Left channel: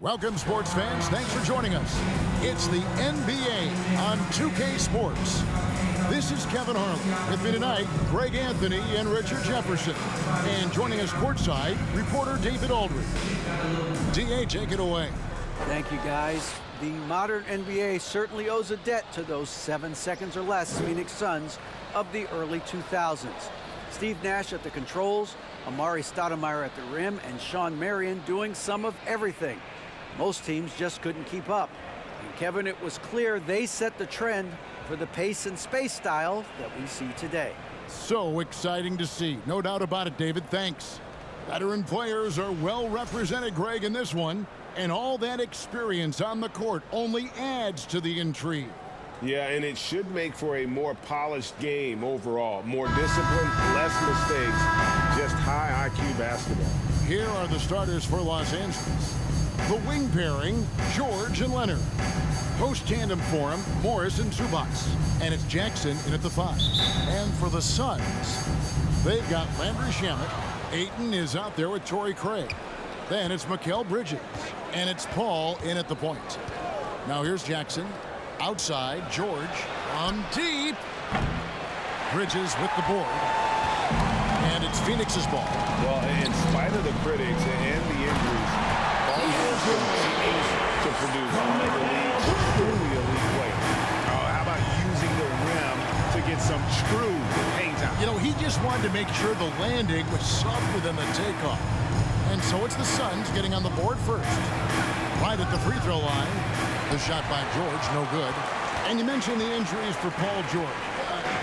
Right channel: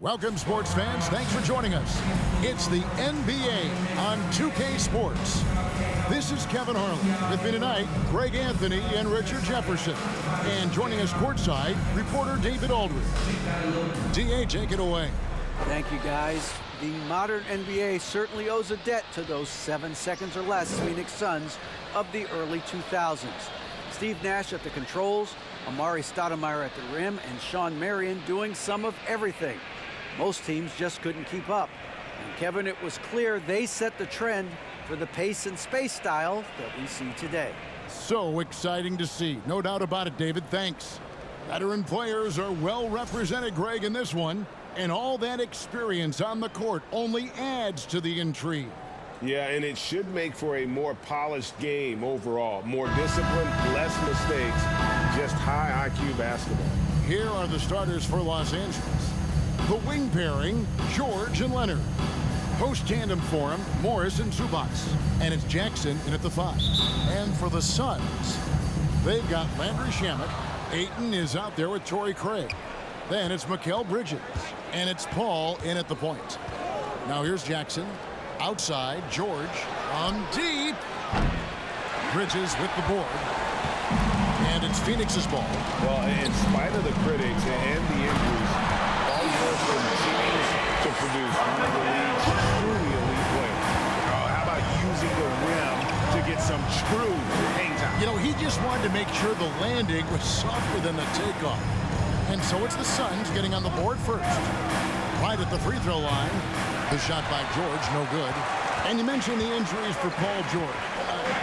Welcome, sports fans. Thanks for joining us. It's the NBA on 2K Sports. This is Kevin Harlan. With me tonight, Greg Anthony and Richard Jefferson. And joining us courtside, reporter David Aldridge. DA, take it away. Thank you, guys. The modern NBA certainly owes a debt to those 7 seconds or less Phoenix Suns of the early 2000s. Steve Nash at the controls, Amari Stoudemire at the rim, and Shawn Marion doing some of everything. Most teams just couldn't keep up. And Kevin, it was clear they set the trend for the pace and space style that we see today. So exciting to see. No doubt about it, David. Thanks. Veteran players are well represented, Greg, in this one. And all that experience on the court only adds to the intrigue. Yeah, and it should make for a more polished game overall. More discipline, less mistakes, just high IQ basketball. Here are the starters for Los Angeles. The wing pairing, George and Leonard. Post tandem for him, Morris and Zubac. And it's Jackson in at the 5. And for the Suns, they've got Landry Shamet. Ayton is out there with Torrey Craig. Then it's Mikal Bridges. And it's Paul in at the point. Now here's Jackson. Outside, George from deep. Bridges with the board. And it's Phoenix's ball. Well, in spite of the critics and the injuries, Paul George continues to produce one of the league's truly elite players. Oh, how about using the rim to get some true hang time? You know, he just wanted to make sure the landing was softer than the takeoff. And so it's the Suns getting on the board first. Right at the free throw line. The shot by George, no good. And you mentioned the injuries for Paul George.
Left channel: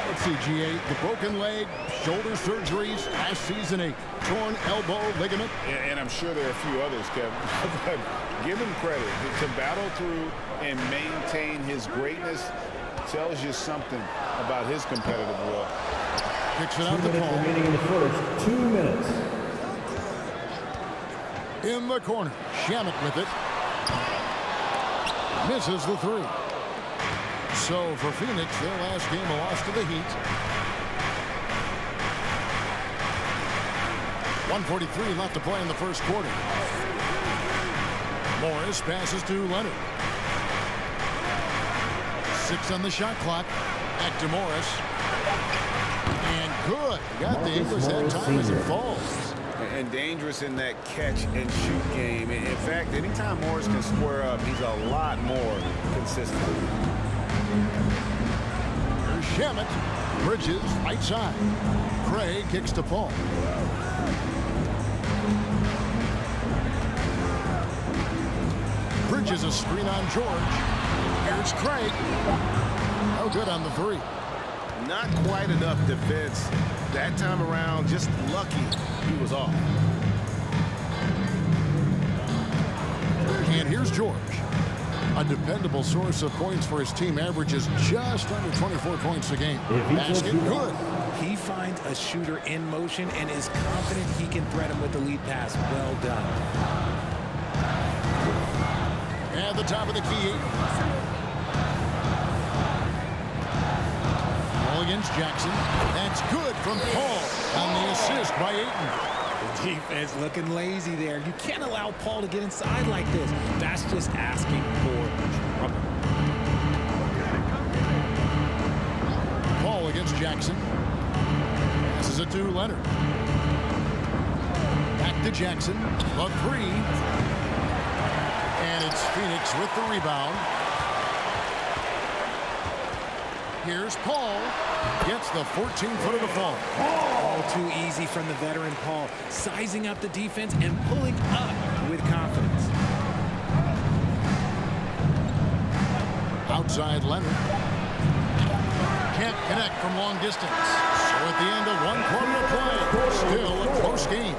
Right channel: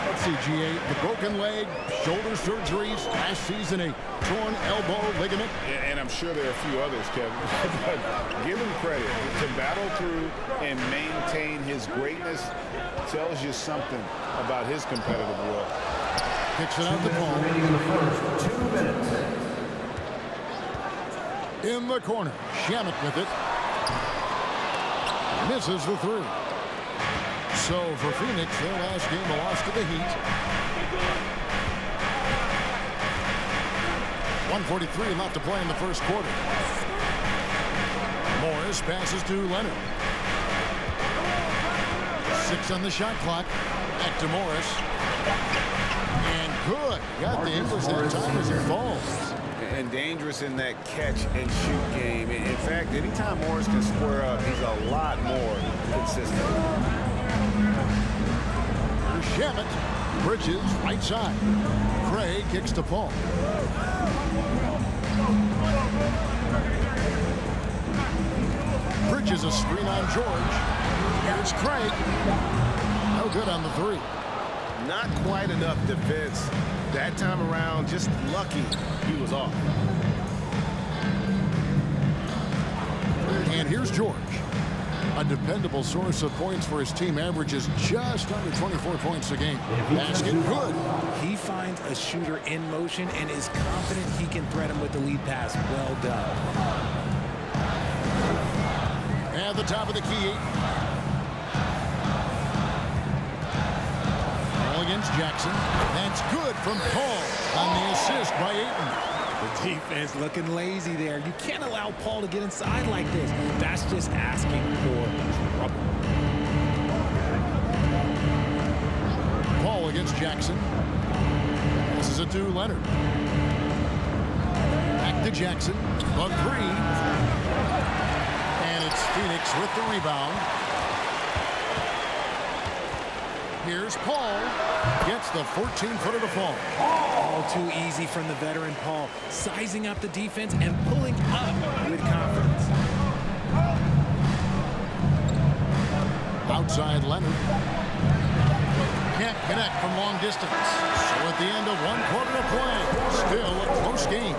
Let's see, GA, the broken leg, shoulder surgeries, last season a torn elbow ligament. And I'm sure there are a few others, Kevin. But give him credit. To battle through and maintain his greatness tells you something about his competitive will. Kicks it out to Paul. Remaining in the first, 2 minutes. In the corner, Shamet with it. Misses the 3. So for Phoenix, their last game a loss to the Heat. 1:43 left to play in the first quarter. Morris passes to Leonard. 6 on the shot clock. Back to Morris. And good. Got the English that time as it falls. And dangerous in that catch-and-shoot game. In fact, anytime Morris can square up, he's a lot more consistent. Here's Shamet. Bridges, right side. Craig kicks to Paul. Bridges a screen on George. Here's Craig. No good on the 3. Not quite enough defense. That time around, just lucky he was off. And here's George. A dependable source of points for his team, averages just under 24 points a game. Basket good. He finds a shooter in motion and is confident he can threat him with the lead pass. Well done. At the top of the key. Ball against Jackson. That's good from Paul on the assist by Ayton. The defense looking lazy there. You can't allow Paul to get inside like this. That's just asking for trouble. Paul against Jackson. Passes it to Leonard. Back to Jackson. The 3. And it's Phoenix with the rebound. Here's Paul. Gets the 14-footer to fall. All too easy from the veteran Paul. Sizing up the defense and pulling up with confidence. Outside Leonard. Can't connect from long distance. So at the end of 1 quarter to play, still a close game.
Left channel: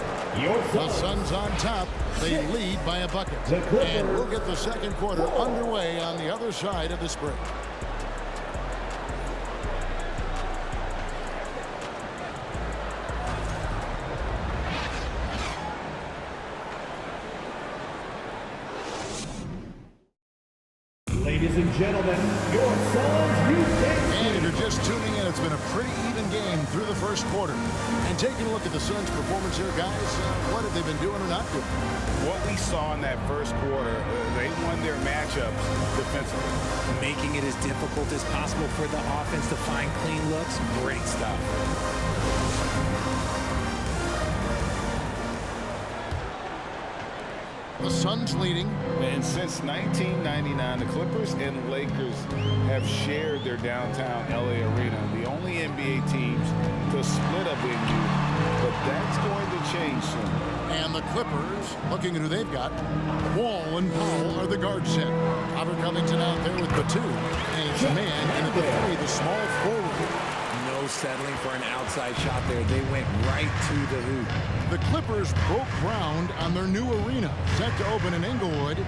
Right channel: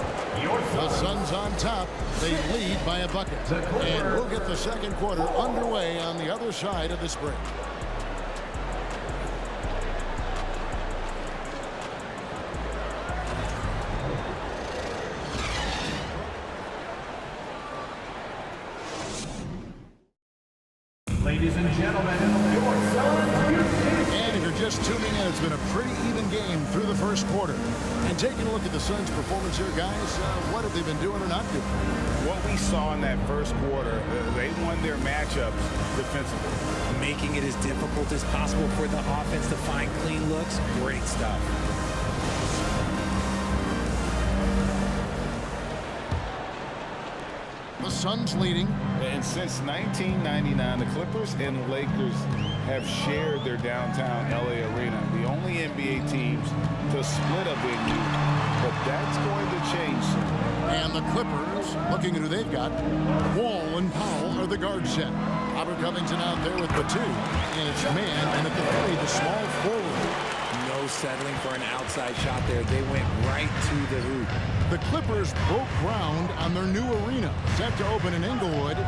The Suns on top. They lead by a bucket. And we'll get the second quarter underway on the other side of this break. Ladies and gentlemen, your Suns Houston. And if you're just tuning in, it's been a pretty even game through the first quarter. And taking a look at the Suns' performance here, guys, what have they been doing or not doing? What we saw in that first quarter, they won their matchups defensively. Making it as difficult as possible for the offense to find clean looks. Great stuff. The Suns leading. And since 1999, the Clippers and Lakers have shared their downtown LA arena, the only NBA teams to split a venue, but that's going to change soon. And the Clippers, looking at who they've got, Wall and Powell are the guard set. Robert Covington out there with Batum, and it's man, and at the three, the small forward. No settling for an outside shot there. They went right to the hoop. The Clippers broke ground on their new arena, set to open in Inglewood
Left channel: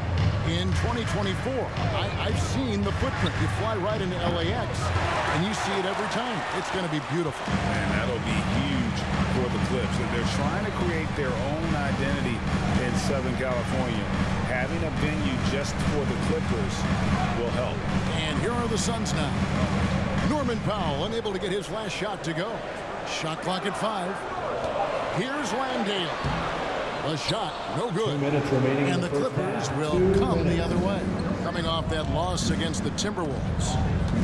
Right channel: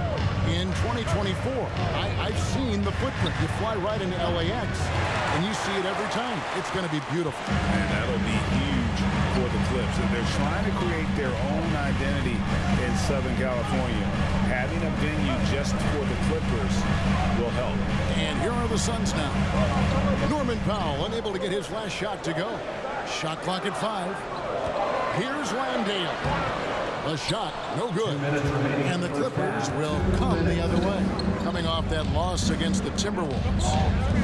in 2024. I've seen the footprint. You fly right into LAX, and you see it every time. It's going to be beautiful. And that'll be huge for the Clips. They're trying to create their own identity in Southern California. Having a venue just for the Clippers will help. And here are the Suns now. Norman Powell unable to get his last shot to go. Shot clock at 5. Here's Landale. The shot, no good. 2 minutes remaining. And the Clippers will come the other way, coming off that loss against the Timberwolves.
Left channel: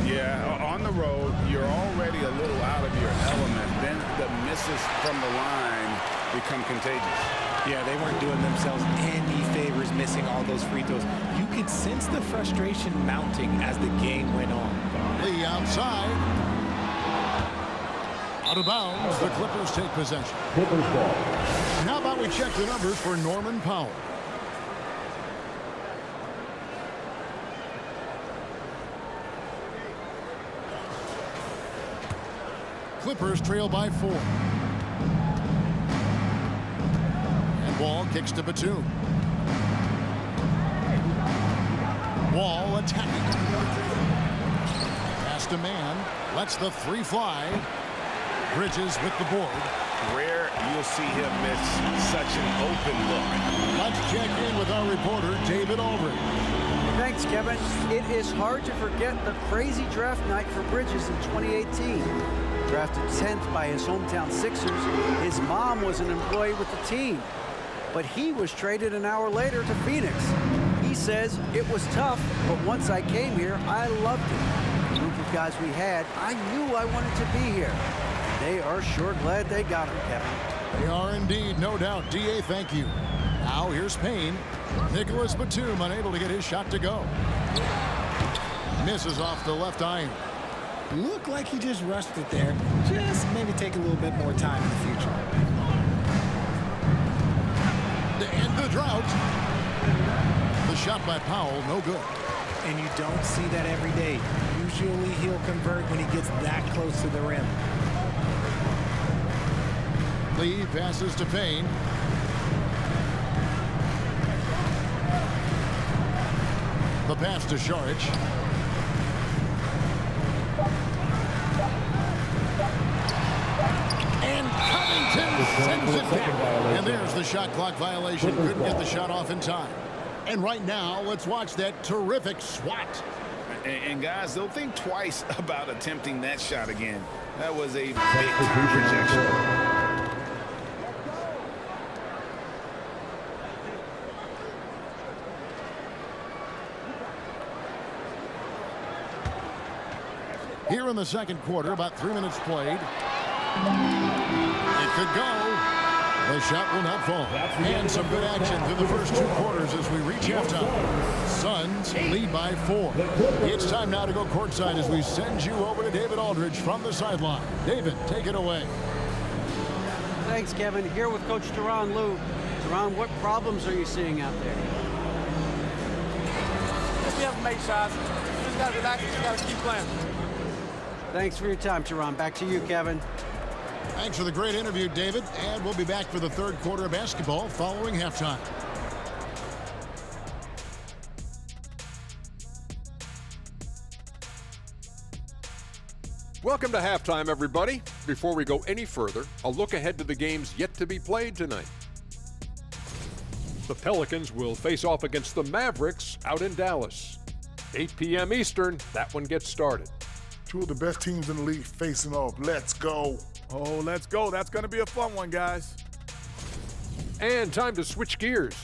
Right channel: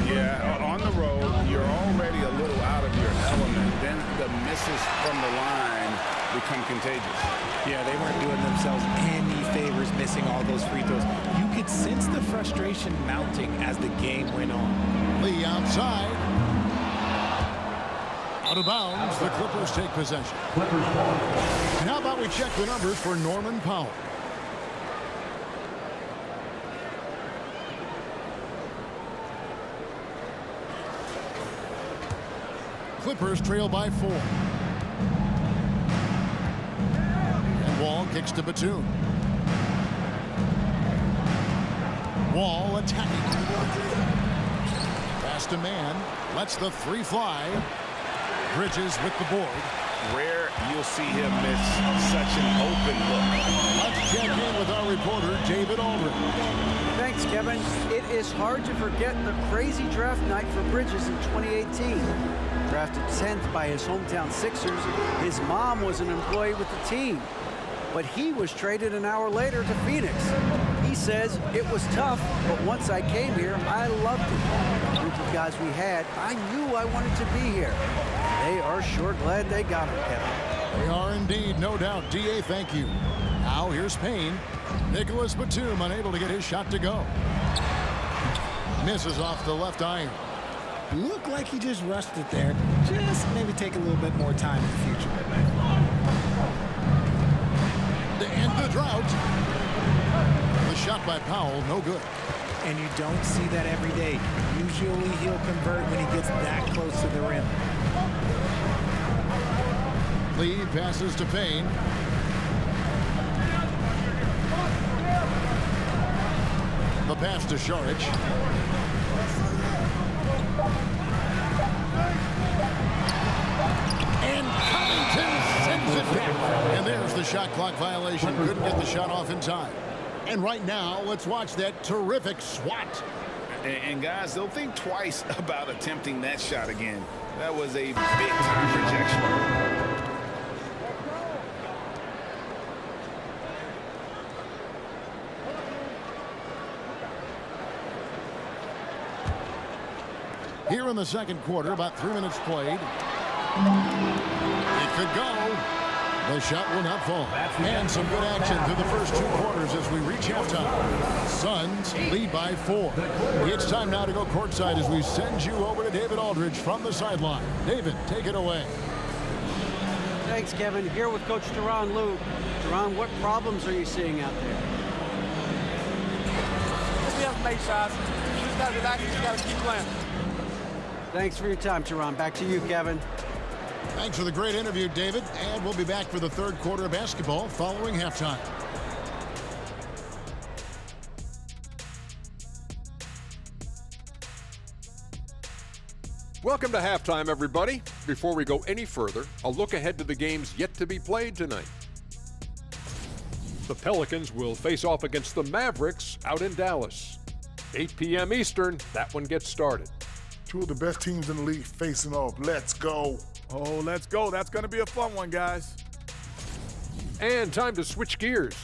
Yeah, on the road, you're already a little out of your element. Then the misses from the line become contagious. Yeah, they weren't doing themselves any favors missing all those free throws. You could sense the frustration mounting as the game went on. Lee outside. Out of bounds, the Clippers take possession. Clippers ball. And how about we check the numbers for Norman Powell? Clippers trail by 4. And Wall kicks to Batum. Wall attacking. Pass to man. Lets the three fly. Bridges with the board. Rare you'll see him miss such an open look. Let's check in with our reporter, David Aldridge. Thanks, Kevin. It is hard to forget the crazy draft night for Bridges in 2018. Drafted 10th by his hometown Sixers, his mom was an employee with the team. But he was traded an hour later to Phoenix. He says, it was tough, but once I came here, I loved it. The group of guys we had, I knew I wanted to be here. They are sure glad they got him, Kevin. They are indeed, no doubt. D.A., thank you. Now here's Payne. Nicholas Batum unable to get his shot to go. Misses off the left iron. Looked like he just rushed it there. Just maybe take a little bit more time in the future. To end the drought. The shot by Powell, no good. And you don't see that every day. Usually he'll convert when he gets that close to the rim. Lee passes to Payne. The pass to Šarić. And Covington sends it back. And there's the shot clock violation. Couldn't get the shot off in time. And right now, let's watch that terrific swat. And guys, they'll think twice about attempting that shot again. That was a big-time rejection. Here in the second quarter, about 3 minutes played. It could go. The shot will not fall. And some good action through the first 2 quarters as we reach halftime. Suns lead by 4. It's time now to go courtside as we send you over to David Aldridge from the sideline. David, take it away. Thanks, Kevin. Here with Coach Tyronn Lue. Tyronn, what problems are you seeing out there? We haven't made shots. You just got to relax and you got to keep playing. Thanks for your time, Tyronn. Back to you, Kevin. Thanks for the great interview, David. And we'll be back for the third quarter of basketball following halftime. Welcome to halftime, everybody. Before we go any further, a look ahead to the games yet to be played tonight. The Pelicans will face off against the Mavericks out in Dallas. 8 p.m. Eastern, that one gets started. Two of the best teams in the league facing off. Let's go. Oh, let's go. That's going to be a fun one, guys. And time to switch gears.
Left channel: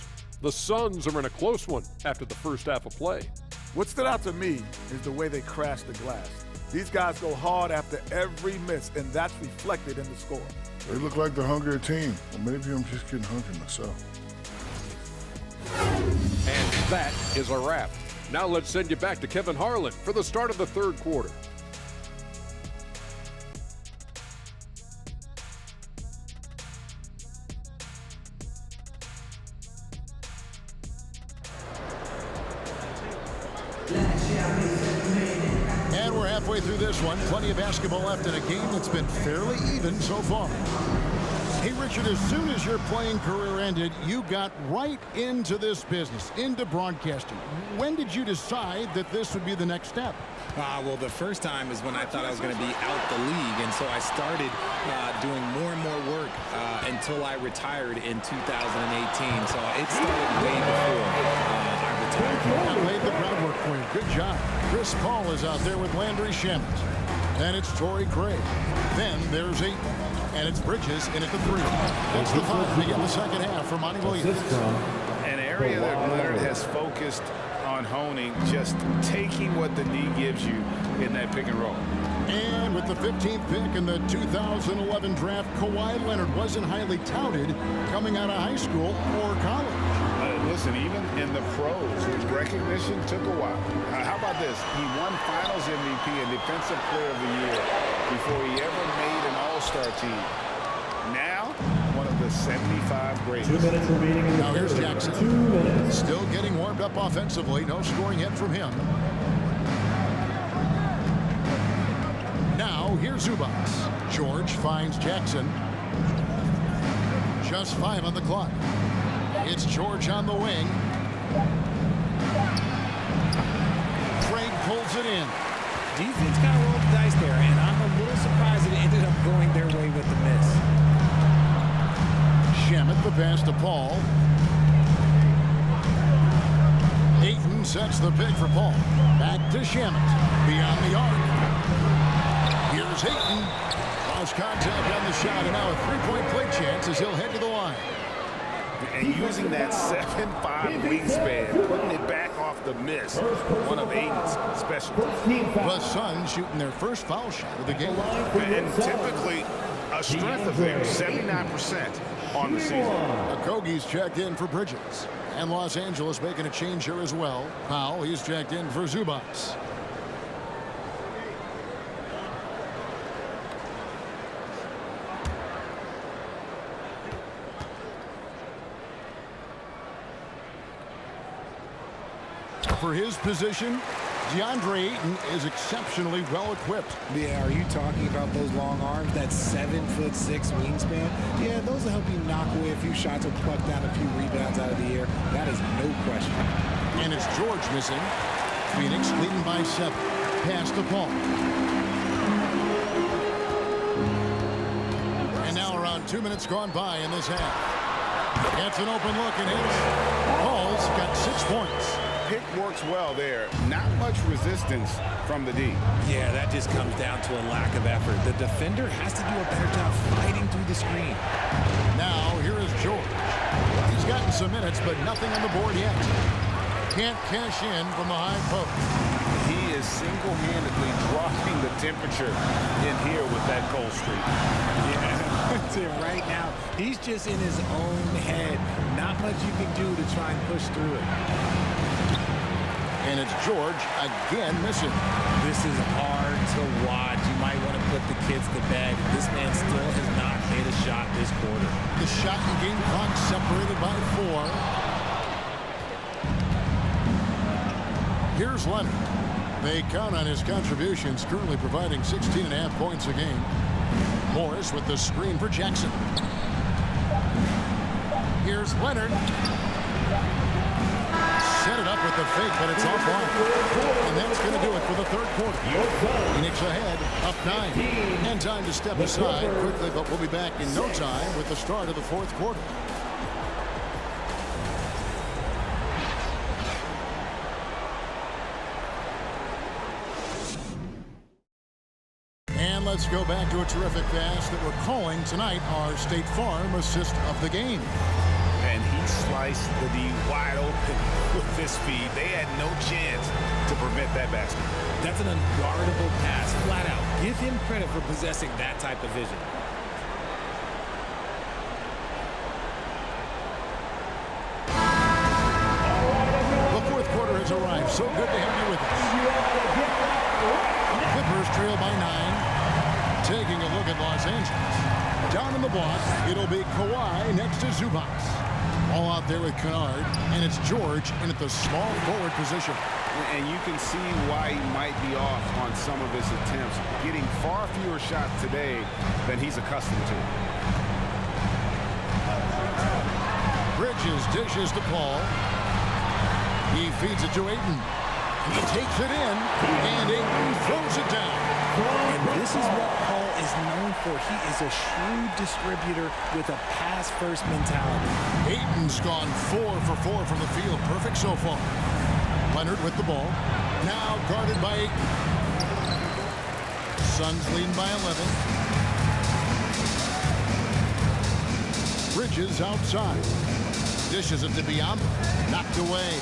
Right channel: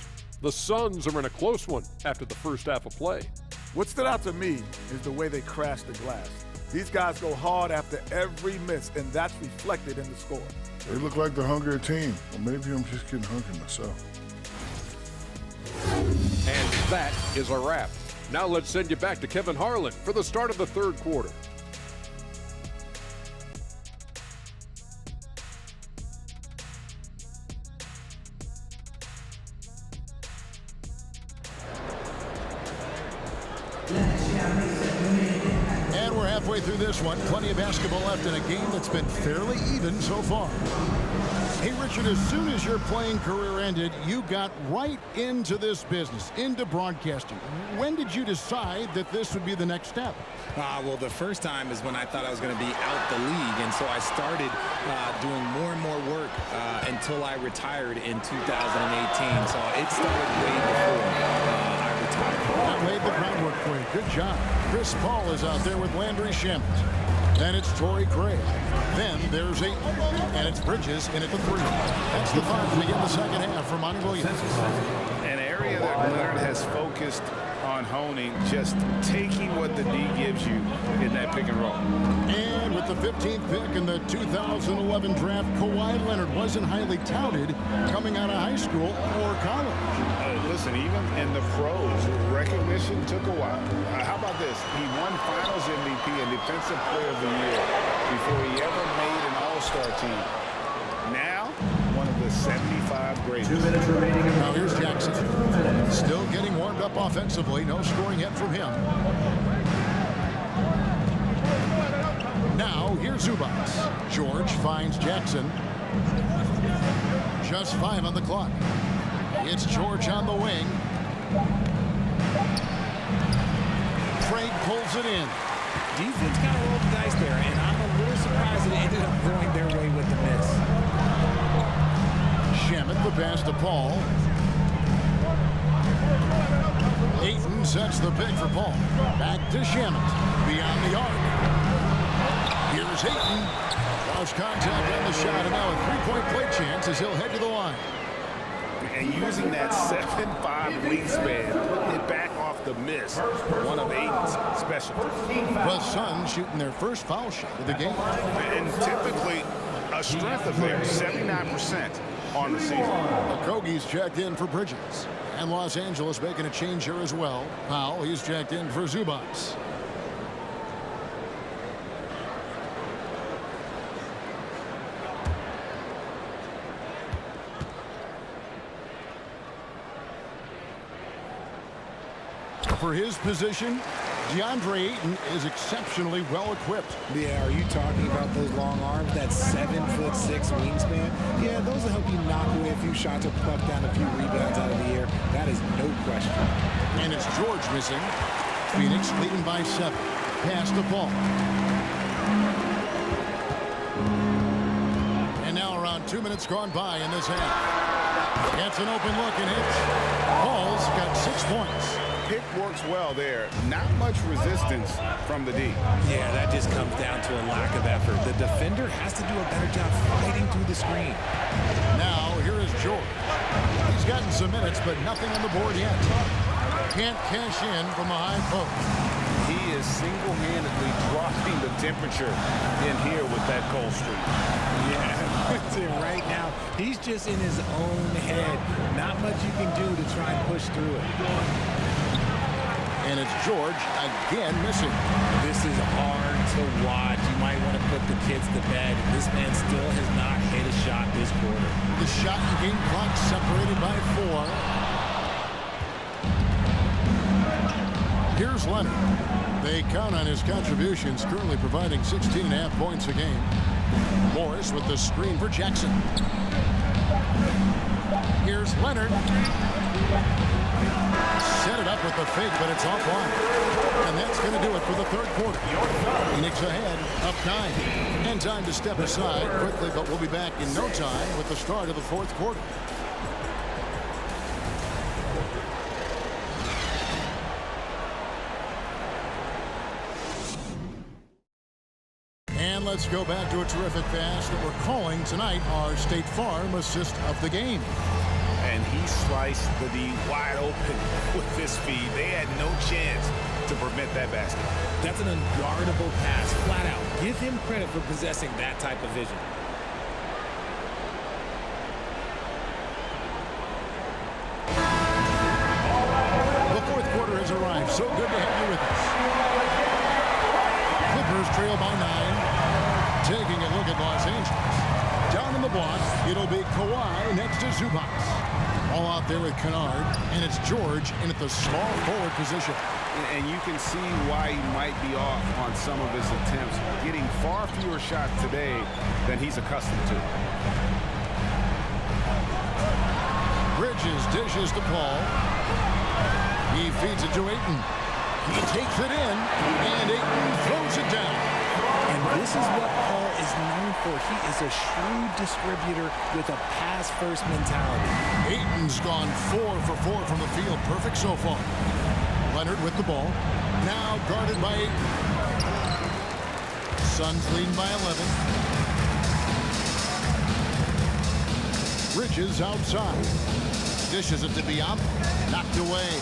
The Suns are in a close one after the first half of play. What stood out to me is the way they crash the glass. These guys go hard after every miss, and that's reflected in the score. They look like the hungrier team. Or maybe I'm just getting hungry myself. And that is a wrap. Now let's send you back to Kevin Harlan for the start of the third quarter. And we're halfway through this one. Plenty of basketball left in a game that's been fairly even so far. Hey, Richard, as soon as your playing career ended, you got right into this business, into broadcasting. When did you decide that this would be the next step? Well, the first time is when I thought I was going to be out the league, and so I started doing more and more work until I retired in 2018. So it started way before I retired. That laid the groundwork for you. Good job. Chris Paul is out there with Landry Shamet. Then it's Torrey Craig. Then there's Ayton. And it's Bridges in at the 3. That's the 5 to begin the second half for Monty Williams. An area that Leonard has focused on honing, just taking what the D gives you in that pick and roll. And with the 15th pick in the 2011 draft, Kawhi Leonard wasn't highly touted coming out of high school or college. Listen, even in the pros, recognition took a while. How about this? He won Finals MVP and Defensive Player of the Year before he ever made an All-Star team. Now, one of the 75 greatest. 2 minutes remaining. Now here's Jackson. Still getting warmed up offensively. No scoring yet from him. Now here's Zubac. George finds Jackson. Just 5 on the clock. It's George on the wing. Craig pulls it in. Defense kind of rolled the dice there, and I'm a little surprised it ended up going their way with the miss. Shamet the pass to Paul. Ayton sets the pick for Paul. Back to Shamet. Beyond the arc. Here's Ayton. Lost contact on the shot, and now a three-point play chance as he'll head to the line. And using that 7'5" wingspan, putting it back off the miss, one of Ayton's specialties. The Suns shooting their first foul shot of the game. And typically a strength of theirs, 79% on the season. Okogie's checked in for Bridges. And Los Angeles making a change here as well. Powell, he's checked in for Zubac. For his position, DeAndre Ayton is exceptionally well equipped. Yeah, are you talking about those long arms, that 7'6" wingspan? Yeah, those will help you knock away a few shots or pluck down a few rebounds out of the air. That is no question. And it's George missing. Phoenix leading by 7. Pass to Paul. And now around 2 minutes gone by in this half. Gets an open look and hits. Paul's got 6 points. Pick works well there. Not much resistance from the D. Yeah, that just comes down to a lack of effort. The defender has to do a better job fighting through the screen. Now here is George. He's gotten some minutes, but nothing on the board yet. Can't cash in from the high post. He is single-handedly dropping the temperature in here with that cold streak. Yeah, right now, he's just in his own head. Not much you can do to try and push through it. And it's George again missing. This is hard to watch. You might want to put the kids to bed. This man still has not hit a shot this quarter. The shot and game clock separated by 4. Here's Leonard. They count on his contributions, currently providing 16.5 points a game. Morris with the screen for Jackson. Here's Leonard. Set it up with the fake, but it's offline. And that's going to do it for the third quarter. Phoenix ahead, up 9. And time to step aside quickly, but we'll be back in no time with the start of the fourth quarter. let's go back to a terrific pass that we're calling tonight our State Farm assist of the game. And he sliced the D wide open with this feed. They had no chance to prevent that basket. That's an unguardable pass, flat out. Give him credit for possessing that type of vision. The fourth quarter has arrived. So good to have you with us. Clippers trail by 9. Taking a look at Los Angeles. Down in the block, it'll be Kawhi next to Zubac. All out there with Kennard, and it's George in at the small forward position. And you can see why he might be off on some of his attempts, getting far fewer shots today than he's accustomed to. Bridges dishes to Paul. He feeds it to Ayton. He takes it in, and Ayton throws it down. And this is what Paul is known for. He is a shrewd distributor with a pass-first mentality. Ayton's gone 4 for 4 from the field. Perfect so far. Leonard with the ball. Now guarded by Ayton. Suns leading by 11. Bridges outside. Dishes it to Biombo. Knocked away.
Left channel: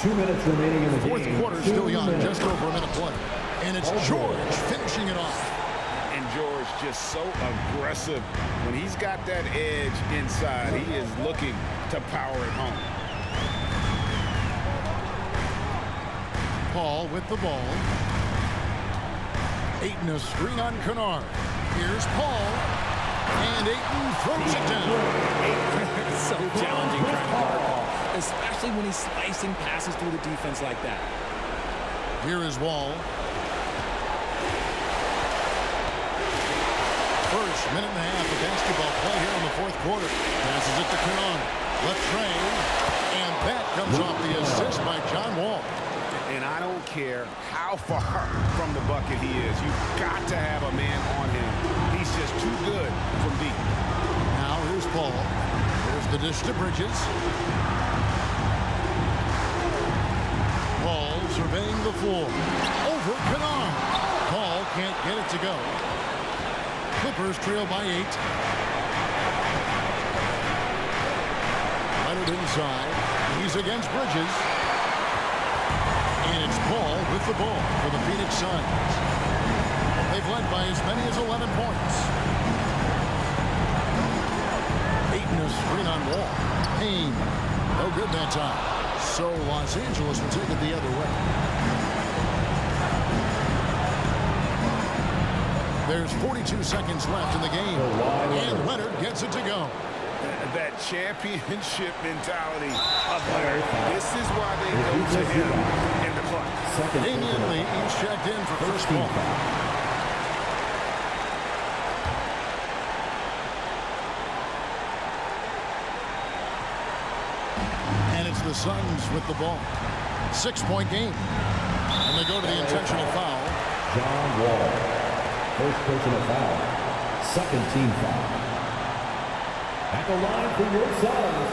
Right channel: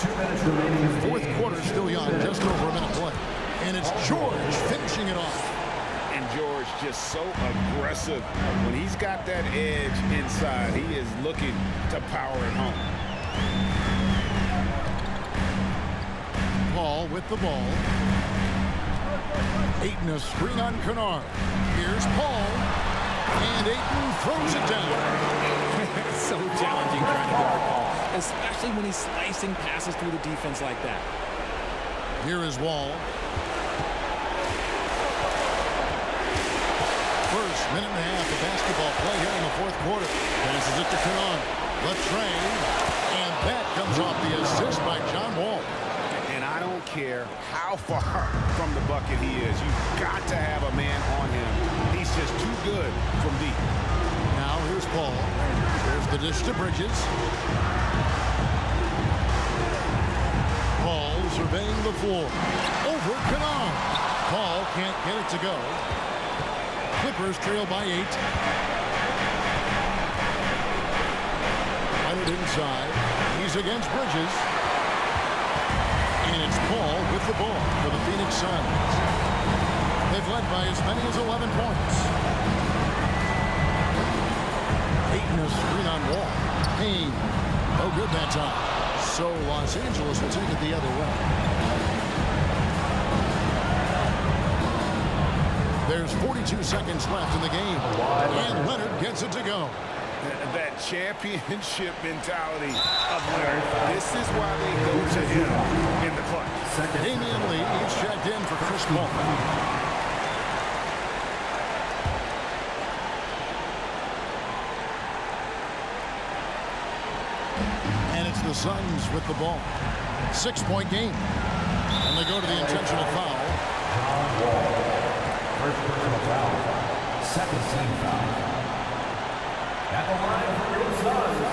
2 minutes remaining in the Fourth game. quarter still young, just over a minute play. And it's George finishing it off. And George just so aggressive. When he's got that edge inside, he is looking to power it home. Paul with the ball. Ayton a screen on Kennard. Here's Paul. And Ayton throws it down. So challenging trying to guard Paul, especially when he's slicing passes through the defense like that. Here is Wall. First minute and a half of basketball play here in the fourth quarter. Passes it to Kennard. Latrey. And that comes off the assist by John Wall. And I don't care how far from the bucket he is. You've got to have a man on him. He's just too good from deep. Now here's Paul. There's the dish to Bridges. Paul surveying the floor. Over Kennard. Paul can't get it to go. Clippers trail by 8. Leonard inside. He's against Bridges. And it's Paul with the ball for the Phoenix Suns. They've led by as many as 11 points. Ayton a screen on Wall. Payne. No good that time. So Los Angeles will take it the other way. There's 42 seconds left in the game. And Leonard gets it to go. That championship mentality of Leonard. This is why they go to him in the clutch. Damian Lee is checked in for Chris Paul. And it's the Suns with the ball. 6-point game. And they go to the intentional foul. John Wall. First personal foul. Second team foul. At the line for your Suns,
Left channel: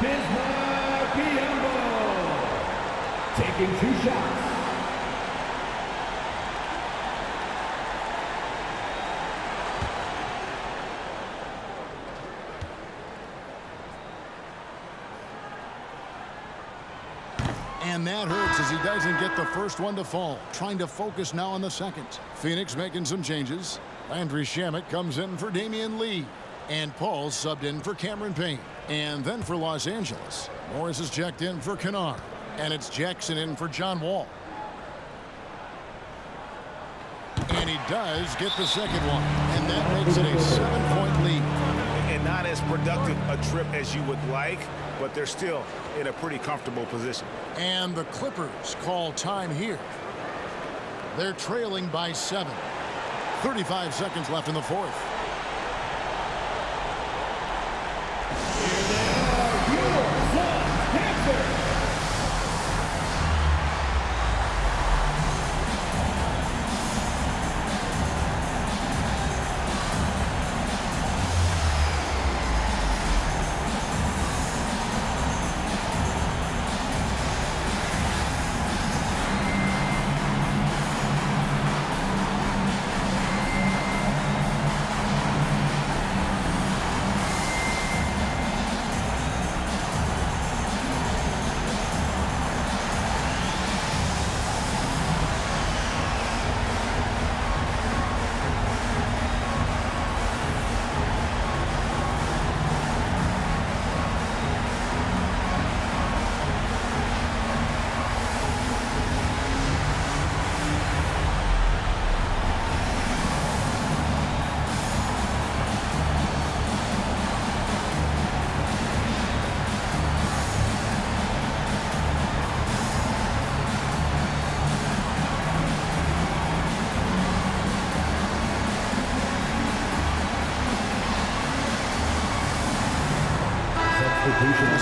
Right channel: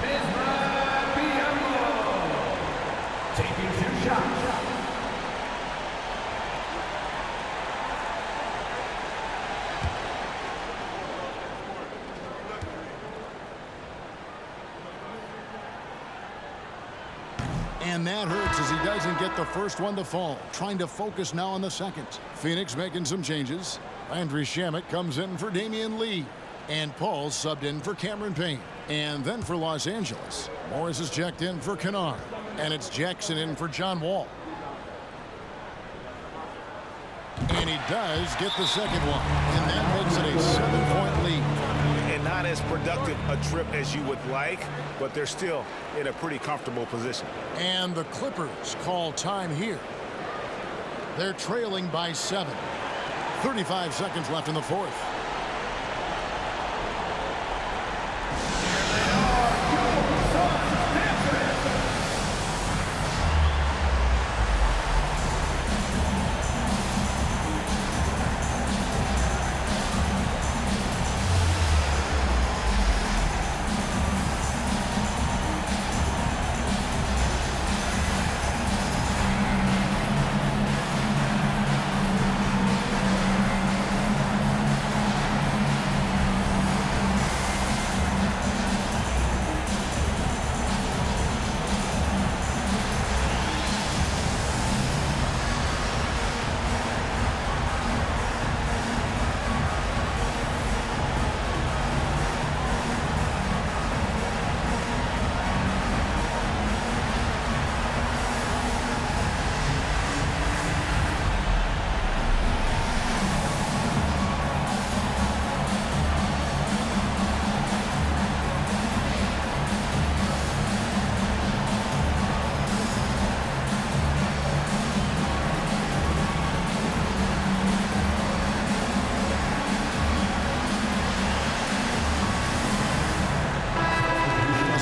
Bismack Biyombo. Taking 2 shots. And that hurts as he doesn't get the first one to fall. Trying to focus now on the second. Phoenix making some changes. Landry Shamet comes in for Damian Lee. And Paul subbed in for Cameron Payne. And then for Los Angeles, Morris is checked in for Kennard. And it's Jackson in for John Wall. And he does get the second one. And that makes it a 7-point lead. And not as productive a trip as you would like, but they're still in a pretty comfortable position. And the Clippers call time here. They're trailing by 7. 35 seconds left in the fourth.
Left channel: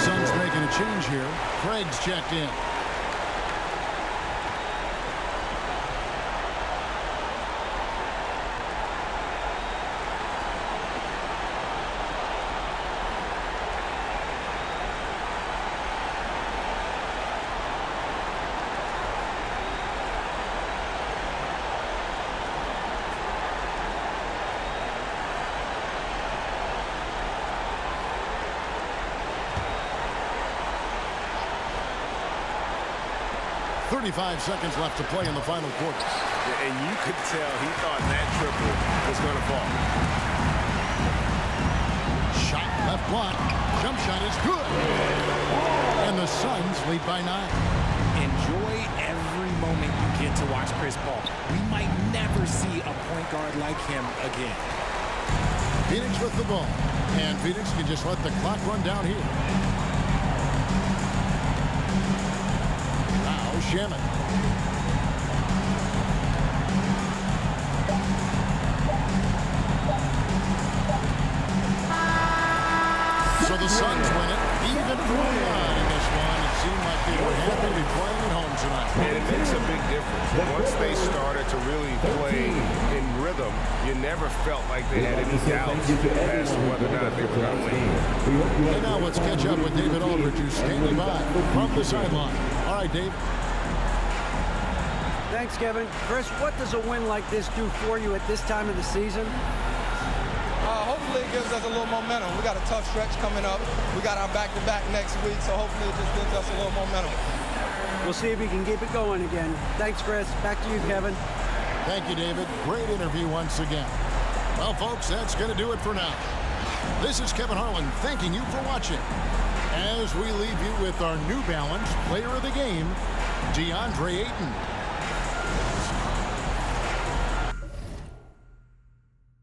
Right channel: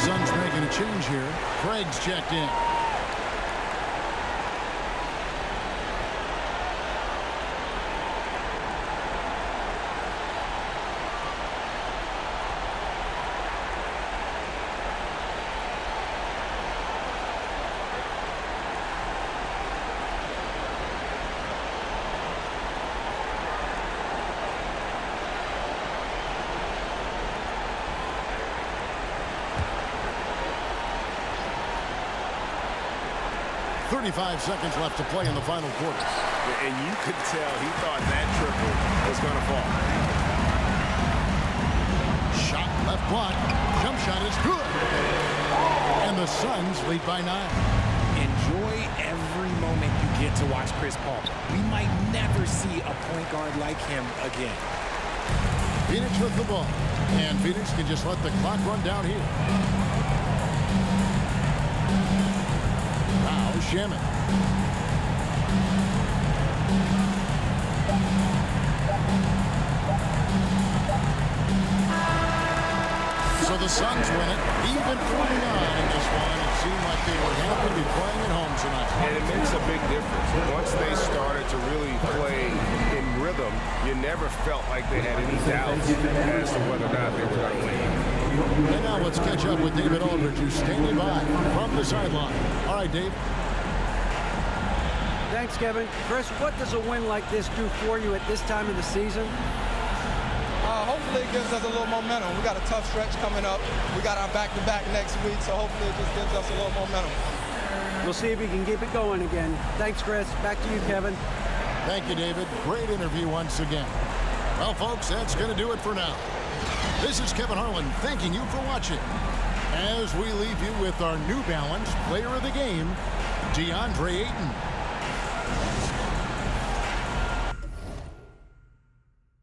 Suns making a change here. Craig's checked in. .35 seconds left to play in the final quarter. And you could tell he thought that triple was going to fall. Shot left block. Jump shot is good. And the Suns lead by 9. Enjoy every moment you get to watch Chris Paul. We might never see a point guard like him again. Phoenix with the ball. And Phoenix can just let the clock run down here. Now Shaman. So the Suns win it. Even early on in this one, it seemed like they were happy to be playing at home tonight. And it makes a big difference. Once they started to really play in rhythm, you never felt like they had any doubts as to whether or not they were going to win. And now let's catch up with David Aldridge, who's standing by from the sideline. All right, Dave. Thanks, Kevin. Chris, what does a win like this do for you at this time of the season? Hopefully it gives us a little momentum. We got a tough stretch coming up. We got our back-to-back next week, so hopefully it just gives us a little momentum. We'll see if he can keep it going again. Thanks, Chris. Back to you, Kevin. Thank you, David. Great interview once again. Well, folks, that's going to do it for now. This is Kevin Harlan thanking you for watching. As we leave you with our New Balance Player of the Game, DeAndre Ayton.